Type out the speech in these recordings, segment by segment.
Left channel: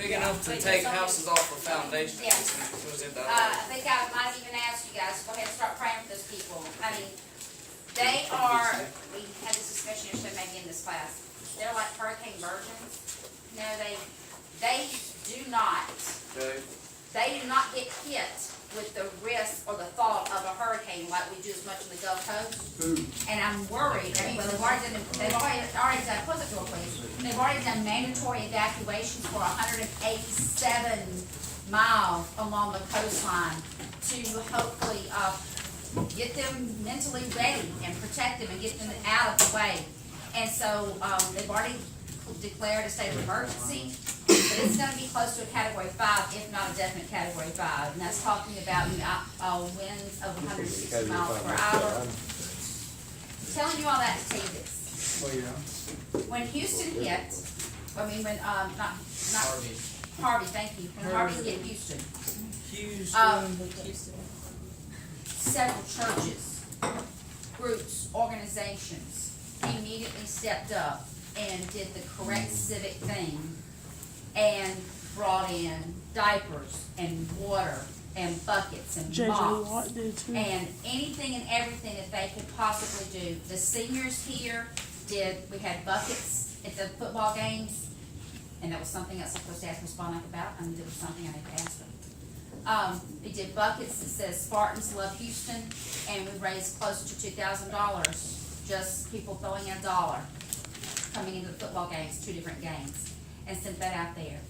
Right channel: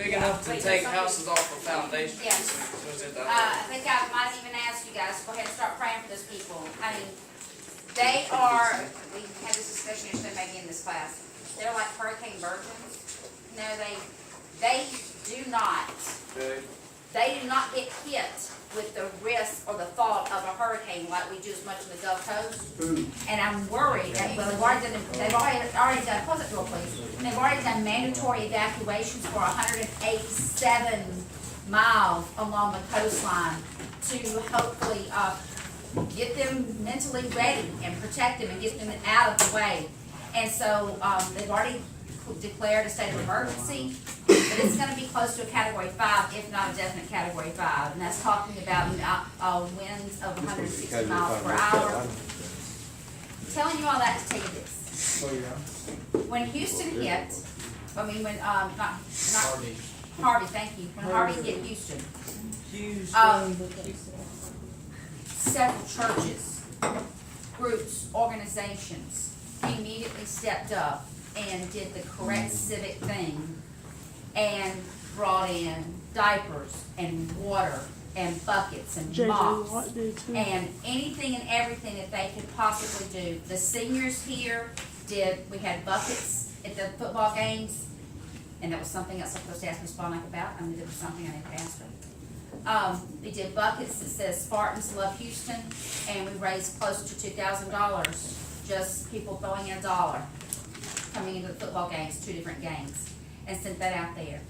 Big enough to take houses off of foundations. Yes. I think I might even ask you guys to go ahead and start praying for those people. I mean, they are, we had this discussion yesterday maybe in this class. They're like hurricane virgins. No, they do not. Okay. They do not get hit with the risk or the thought of a hurricane like we do as much in the Gulf Coast. And I'm worried, well, they've already done, close it door please. They've already done mandatory evacuations for 187 miles along the coastline to hopefully, get them mentally ready and protect them and get them out of the way. And so, they've already declared a state of emergency, but it's gonna be close to a category 5, if not a definite category 5. And that's talking about, winds of 160 miles per hour. I'm telling you all that to tell you this. Oh, yeah. When Houston hit, not Harvey, thank you. When Harvey hit Houston, several churches, groups, organizations immediately stepped up and did the correct civic thing and brought in diapers and water and buckets and mops and anything and everything that they could possibly do. The seniors here we had buckets at the football games, and that was something else I'm supposed to ask Ms. Bonnick about. I mean, there was something I had to ask her. They did buckets that says Spartans Love Houston, and we raised close to $2,000, just people throwing in $1 coming into the football games, 2 different games, and sent that out there.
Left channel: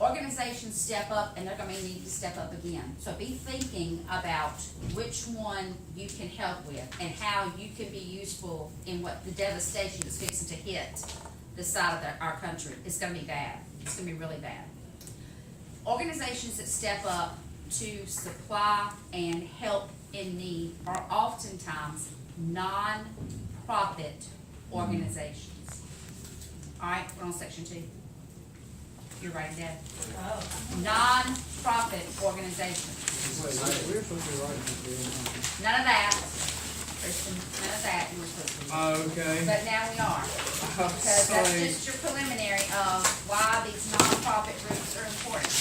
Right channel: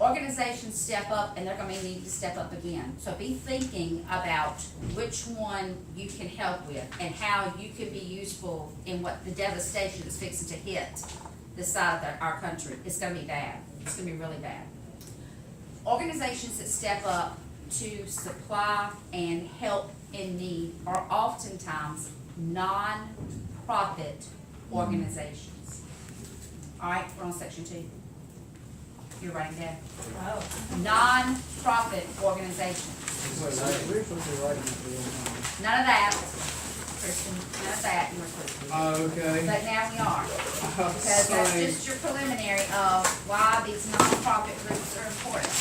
Organizations step up, and they're going to need to step up again. So be thinking about which one you can help with and how you can be useful in what the devastation that's fixing to hit this side of our country. It's going to be bad. It's going to be really bad. Organizations that step up to supply and help in need are oftentimes non-profit organizations. All right, we're on section 2. You're writing down. Non-profit organizations. Wait, we're supposed to be writing this. None of that, Christian. None of that. You were supposed to. Okay. But now we are, because that's just your preliminary of why these non-profit groups are important.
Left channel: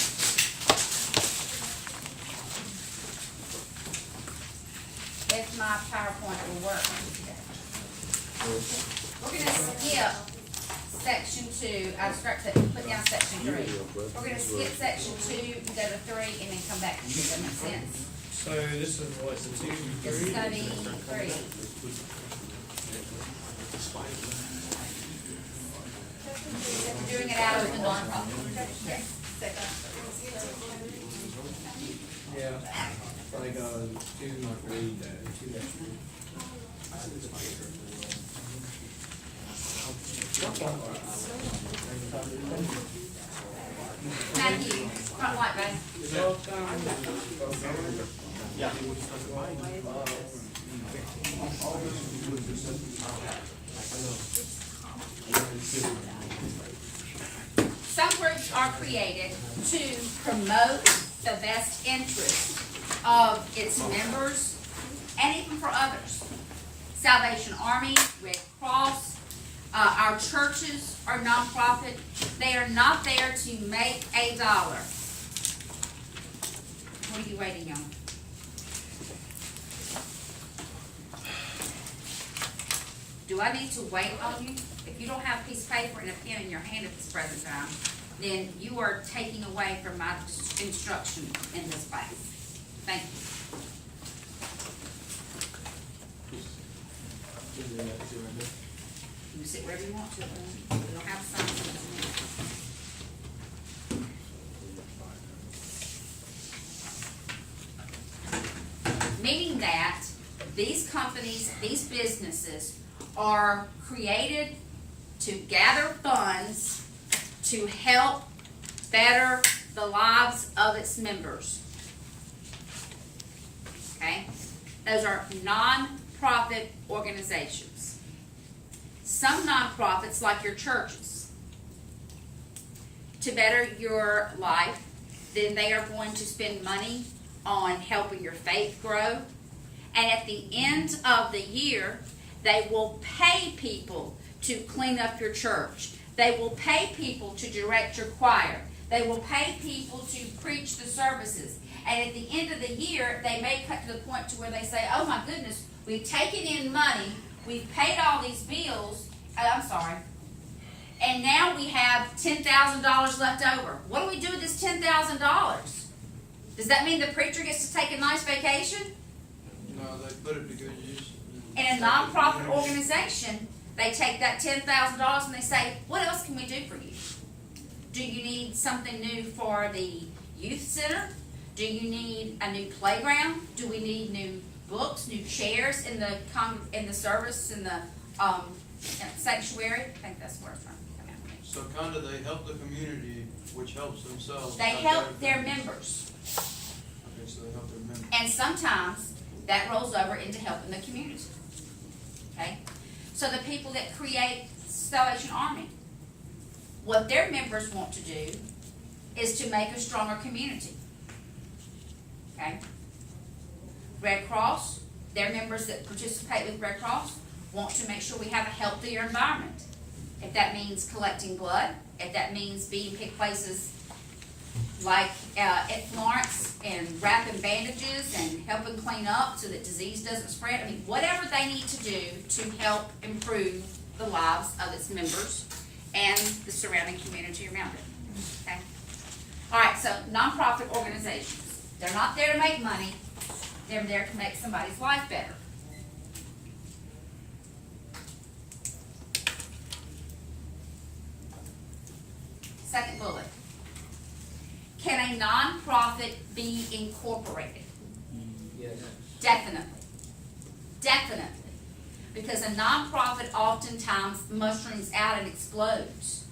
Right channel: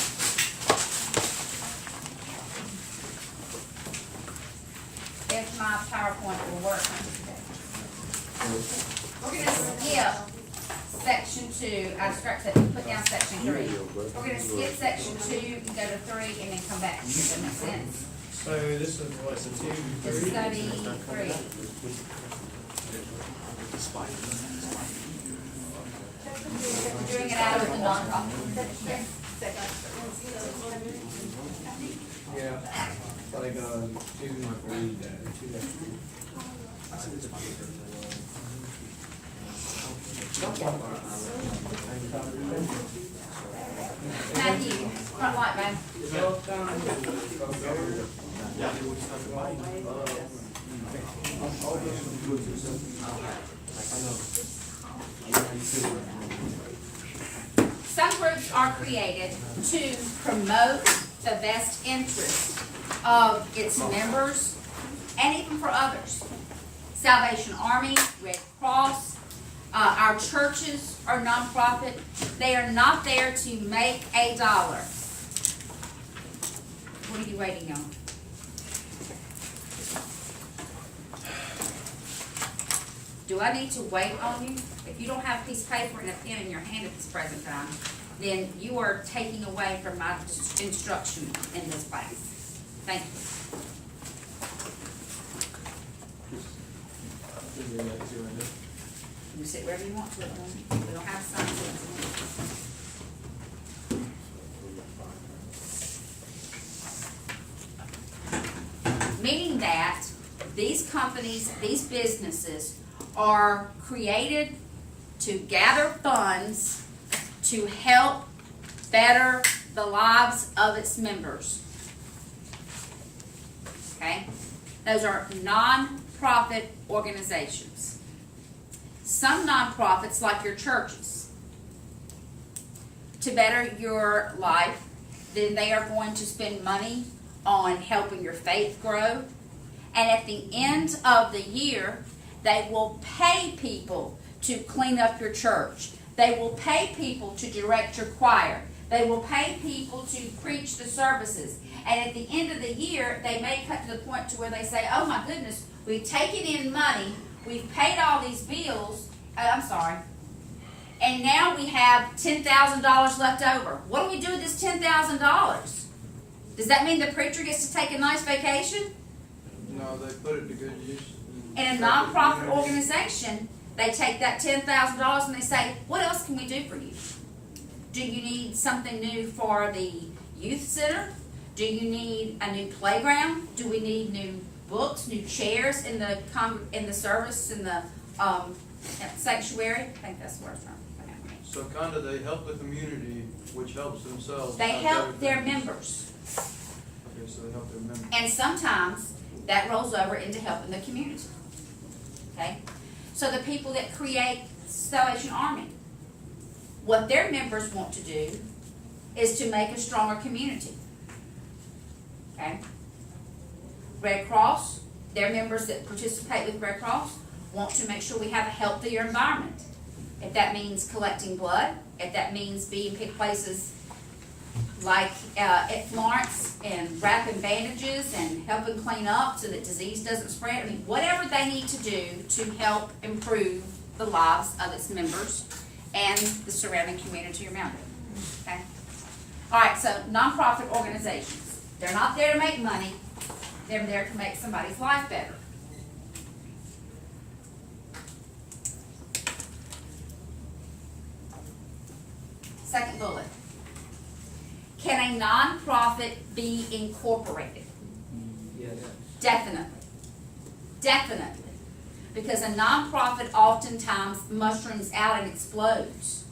If my PowerPoint will work. We're gonna skip section 2, put down section 3. We're gonna skip section 2, go to 3, and then come back. Does that make sense? So this is what, the 2, 3? This is gonna be 3. We're doing it out of the nonprofit. Yes. Yeah, like 2, 3, 2. Thank you. Front light, babe. Some groups are created to promote the best interest of its members and even for others. Salvation Army, Red Cross, our churches are nonprofit. They are not there to make $1. What are you waiting on? Do I need to wait on you? If you don't have a piece of paper and a pen in your hand at this present time, then you are taking away from my instruction in this place. Thank you. You sit wherever you want to. We don't have to sign it. Meaning that these companies, these businesses are created to gather funds to help better the lives of its members. Okay? Those are non-profit organizations. Some nonprofits, like your churches, to better your life, then they are going to spend money on helping your faith grow. And at the end of the year, they will pay people to clean up your church. They will pay people to direct your choir. They will pay people to preach the services. And at the end of the year, they may cut to the point to where they say, oh my goodness, we've taken in money, we've paid all these bills, and now we have $10,000 left over. What do we do with this $10,000? Does that mean the preacher gets to take a nice vacation? No, they put it to good use. In a nonprofit organization, they take that $10,000 and they say, what else can we do for you? Do you need something new for the youth center? Do you need a new playground? Do we need new books, new chairs in the service, in the sanctuary? I think that's where it's from. So kinda they help the community, which helps themselves. They help their members. Okay, so they help their members. And sometimes that rolls over into helping the community. Okay? So the people that create Salvation Army, what their members want to do is to make a stronger community. Okay? Red Cross, their members that participate with Red Cross want to make sure we have a healthier environment. If that means collecting blood, if that means being in places like at Florence and wrapping bandages and helping clean up so that disease doesn't spread. I mean, whatever they need to do to help improve the lives of its members and the surrounding community around it. Okay? All right, so nonprofit organizations. They're not there to make money. They're there to make somebody's life better. Second bullet. Can a nonprofit be incorporated? Yes. Definitely. Definitely. Because a nonprofit oftentimes mushrooms out and explodes.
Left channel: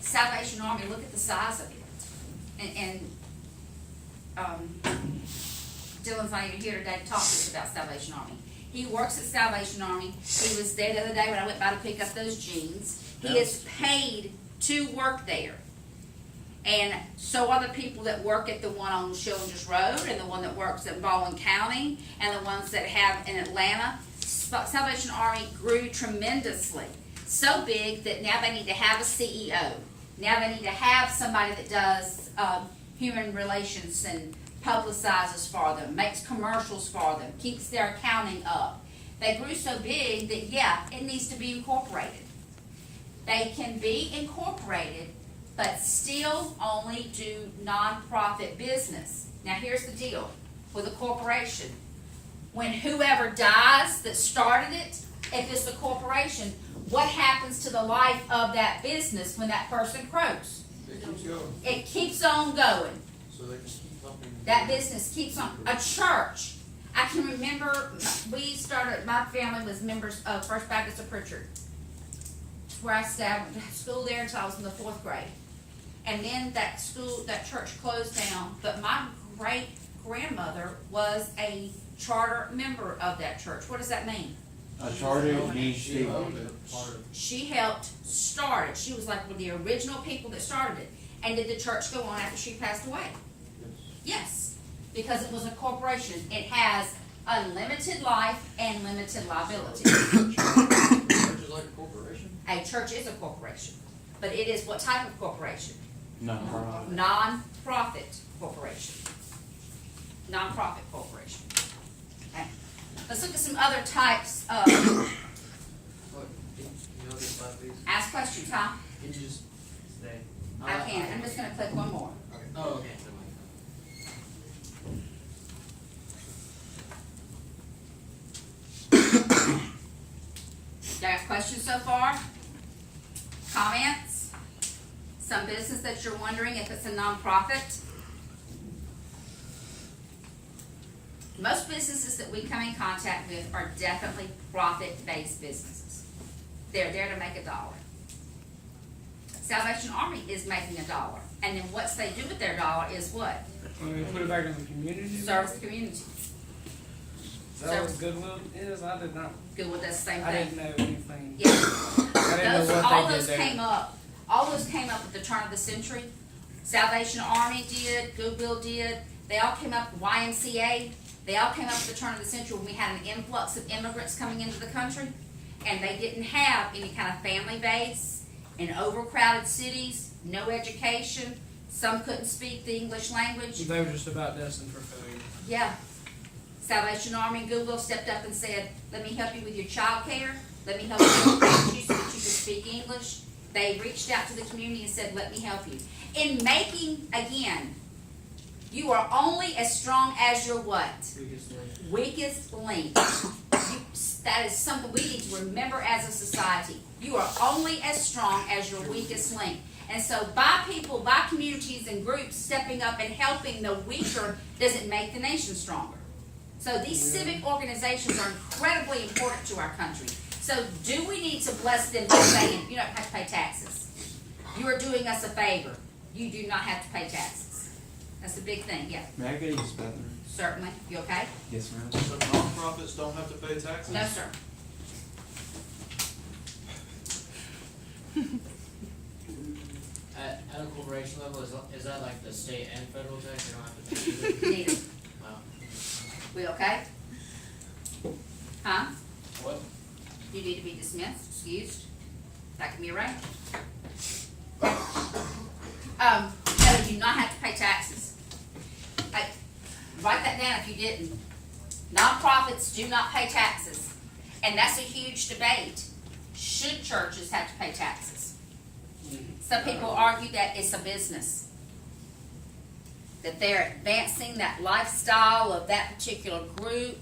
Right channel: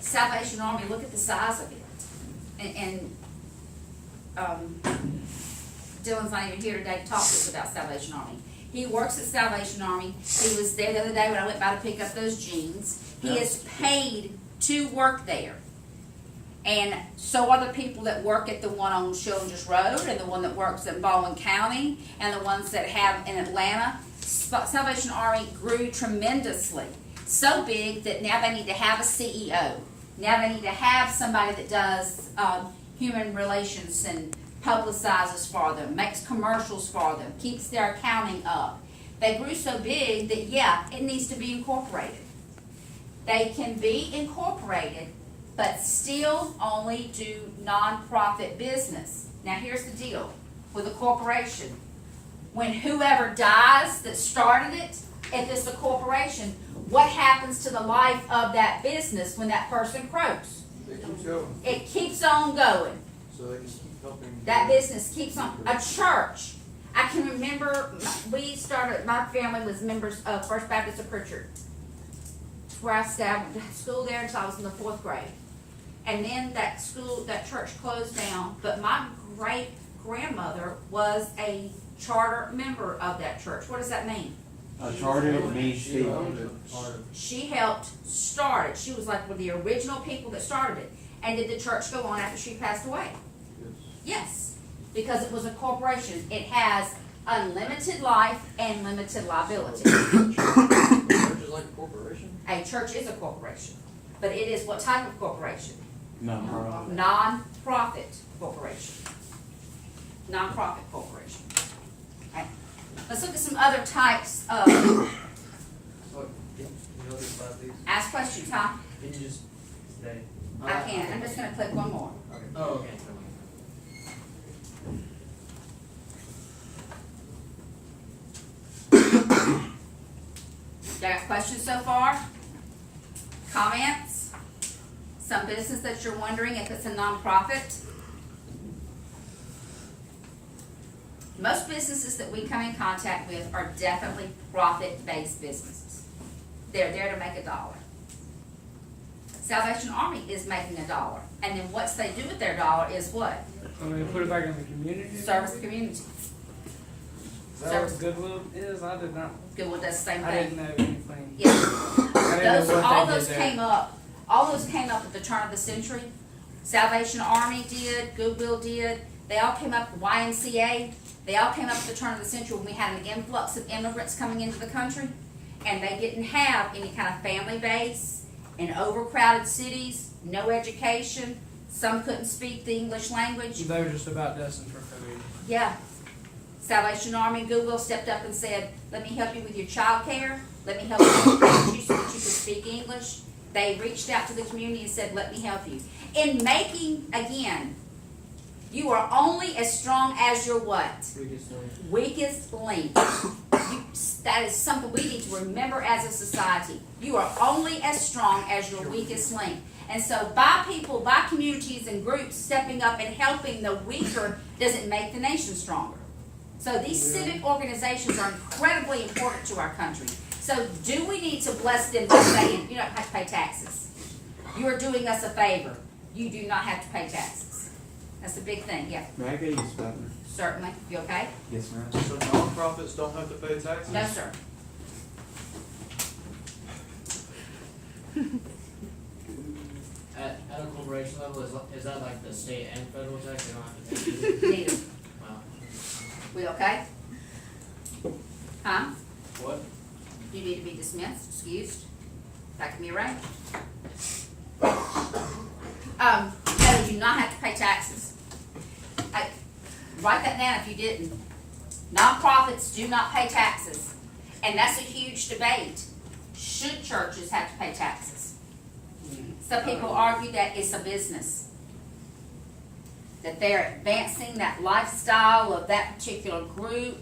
Salvation Army, look at the size of it. And Dylan's not even here today to talk to us about Salvation Army. He works at Salvation Army. He was there the other day when I went by to pick up those jeans. He is paid to work there. And so are the people that work at the one on Children's Road, and the one that works in Baldwin County, and the ones that have in Atlanta. Salvation Army grew tremendously. So big that now they need to have a CEO. Now they need to have somebody that does human relations and publicizes for them, makes commercials for them, keeps their accounting up. They grew so big that, yeah, it needs to be incorporated. They can be incorporated, but still only do nonprofit business. Now here's the deal with a corporation. When whoever dies that started it, if it's a corporation, what happens to the life of that business when that person croaks? It keeps going, It keeps on going. so they just keep helping. That business keeps on. A church. I can remember my family was members of First Baptist of Pritchard. It's where I went to school there until I was in the 4th grade. And then that church closed down, but my great grandmother was a charter member of that church. What does that mean? A charter means She owned it. She helped start it. She was like one of the original people that started it. And did the church go on after she passed away? Yes, because it was a corporation. It has unlimited life and limited liability. Church is like a corporation? A church is a corporation, but it is what type of corporation? no. Non-profit corporation. Non-profit corporation. Okay. Let's look at some other types of. Ask questions, huh? Can you just stay? I can. I'm just going to click one more. Oh, okay. Got questions so far? Comments? Some business that you're wondering if it's a nonprofit? Most businesses that we come in contact with are definitely profit-based businesses. They're there to make $1. Salvation Army is making $1. And then what they do with their $1 is what? So they put it back in the community? Service the community. Is that what Goodwill is? I did not. Goodwill does the same I thing. didn't know anything. Yeah. I didn't know what All they those did came there. up. All those came up at the turn of the century. Salvation Army did. Goodwill did. They all came up. YMCA. They all came up at the turn of the century when we had an influx of immigrants coming into the country, and they didn't have any kind of family base in overcrowded cities, no education, some couldn't speak the English language. They were just about destined for food. Yeah. Salvation Army and Goodwill stepped up and said, let me help you with your child care. Let me help you with you so that you can speak English. They reached out to the community and said, let me help you. In making, again, you are only as strong as your what? Weakest link. That is something we need to remember as a society. You are only as strong as your weakest link. And so by people, by communities and groups stepping up and helping the weaker doesn't make the nation stronger. So these civic organizations are incredibly important to our country. So do we need to bless them by saying, you don't have to pay taxes? You are doing us a favor. You do not have to pay taxes. That's a big thing, yeah. May I get you spelling? Certainly. You okay? Yes, ma'am. So nonprofits don't have to pay taxes? No, sir. At a corporation level, is that like the state and federal tax? They don't have to pay either? Neither. Wow. We okay? Huh? What? You need to be dismissed, excused. That can be arranged. No, you do not have to pay taxes. Hey, write that down if you didn't. Nonprofits do not pay taxes. And that's a huge debate. Should churches have to pay taxes? Some people argue that it's a business. That they're advancing that lifestyle of that particular group.